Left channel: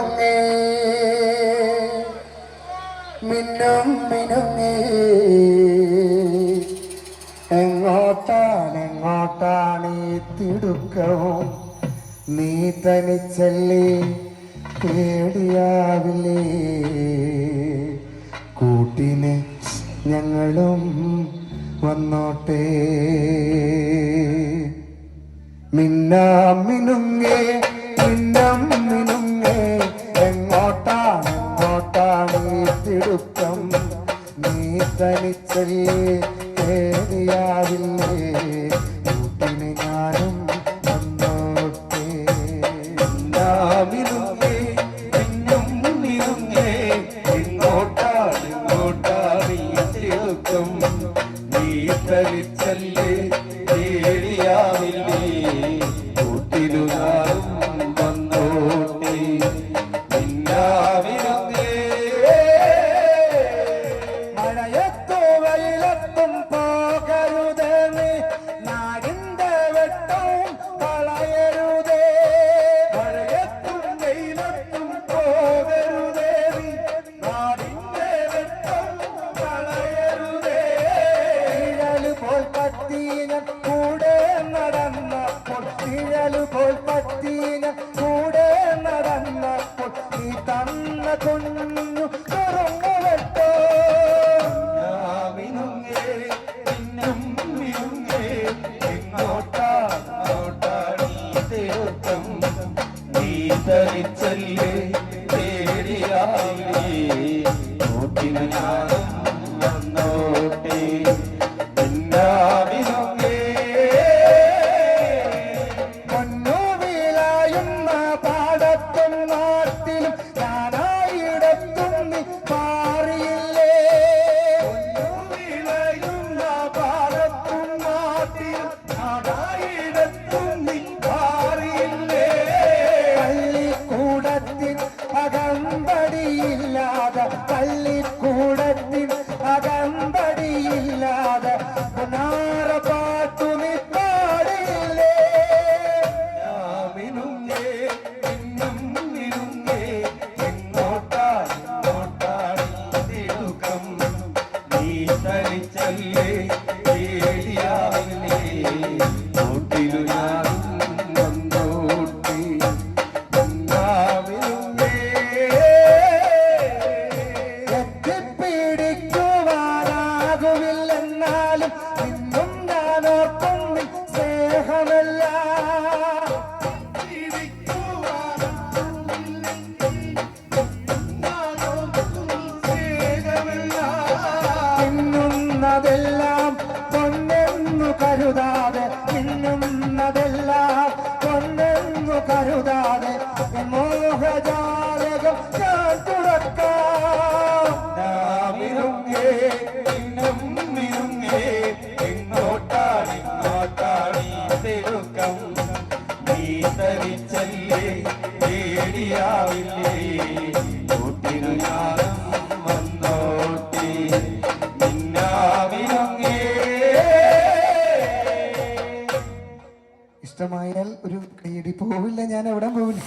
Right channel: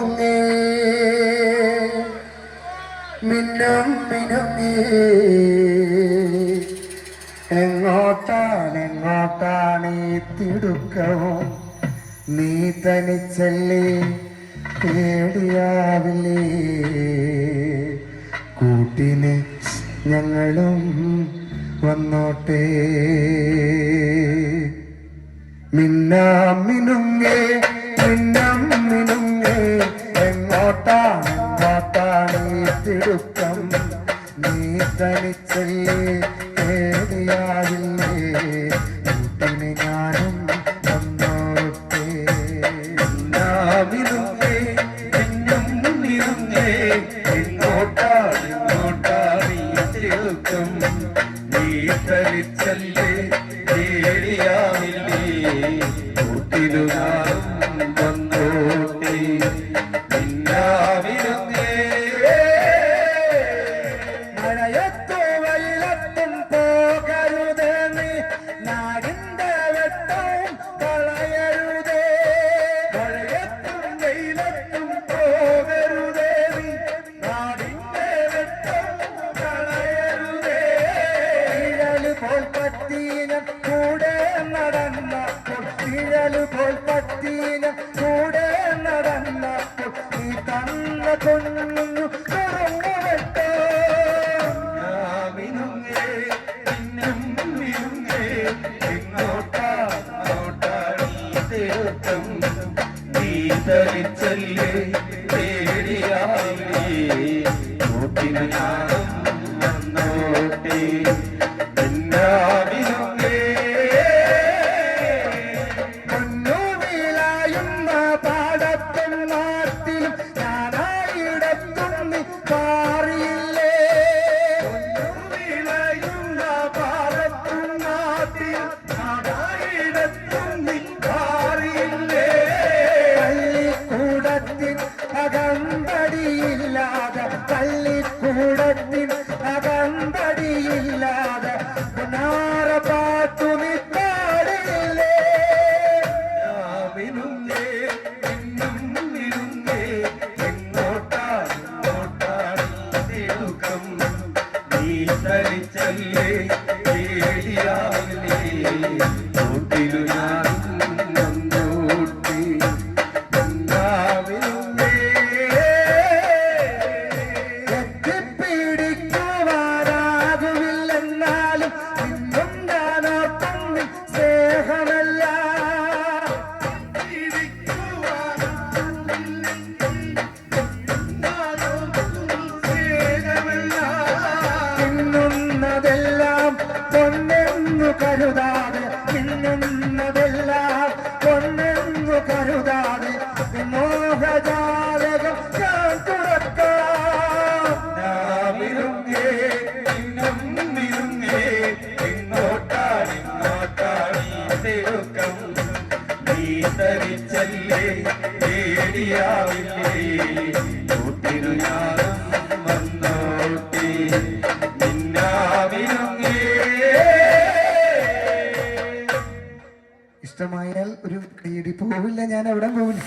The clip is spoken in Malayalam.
മിനുങ്ങേ മിന്നും മിനുങ്ങേ എങ്ങോട്ടാണ് ഈ തിടുക്കവും നീ തനിച്ചല്ലേ പേടിയാവില്ലേ കൂട്ടിന് ഞങ്ങളും വന്നോട്ടെ മിന്നാം മിനുങ്ങേ മിന്നാം മിനുങ്ങേ എങ്ങോട്ടാണ് ഈ തിടുക്കം നീ തനിച്ചല്ലേ പേടിയാവില്ലേ കൂട്ടിന് ഞാനും വന്നോട്ടെ മിന്നാം മിനുങ്ങേ മിന്നും മിനുങ്ങേ എങ്ങോട്ടാണ് ഈ തിടുക്കം നീ തനിച്ചല്ലേ പേടിയാവില്ലേ കൂട്ടിനു ഞാനും വന്നോട്ടെ മിന്നാമിനുങ്ങേ മഴയത്തോ വെയിലത്തും പോകരുതേ നീ നാടിന്റെ വെട്ടവും കളയരുതേ മഴയത്തും വെയിലത്തും പോകരുതേ നീ നാടിന്റെ വെട്ടവും കളയരുതേ നിഴല് പോൽ പറ്റീന കൂടെ നടന്നപ്പോൾ നിഴല് പോൽ പറ്റീന കൂടെ നടന്നപ്പോൾ നീ തന്ന കുഞ്ഞു തുറന്നു വെട്ടോ മിനുങ്ങേ മിന്നും മിനുങ്ങേ എങ്ങോട്ടാണ് ഈ തിടുക്കം നീ തനിച്ചല്ലേ പേടിയാവില്ലേ കൂട്ടിന് ഞാനും വന്നോട്ടെ അകമ്പടിയില്ലാതെ പള്ളിക്കൂടത്തിൽ അകമ്പടിയില്ലാതെ പുനാറ പാട്ടു നീ പാടില്ലേ മിനുങ്ങേ മിന്നും മിനുങ്ങേ എങ്ങോട്ടാണ് തിടുക്കം നീ തനിച്ചല്ലേ പേടിയാവില്ലേ കൂട്ടിനു ഞാനും വന്നോട്ടെ എത്തിപ്പിടിക്കുവാനാകുമില്ലെന്നാലും നിന്നും ഞാനോർക്കും സ്നേഹമല്ല മിന്നുന്നതെല്ലാം പൊന്നെന്നു കരുതാതെ മിന്നുന്നതെല്ലാം പൊന്നെന്നു കരുതാതെ മോഹജാലകം ഞാൻ തുറക്കാം മിനുങ്ങേ മിന്നും മിനുങ്ങേ എങ്ങോട്ടാണ് ഈ തിടുക്കം നീ തനിച്ചല്ലേ പേടിയാവില്ലേ കൂട്ടിനു ഞാനും വന്നോട്ടെ മിന്നാമിനുങ്ങേ ഇഷ്ടമായാൽ ഒരു കൈയടി പോവില്ല ഞാൻ എവിടെ പോവില്ല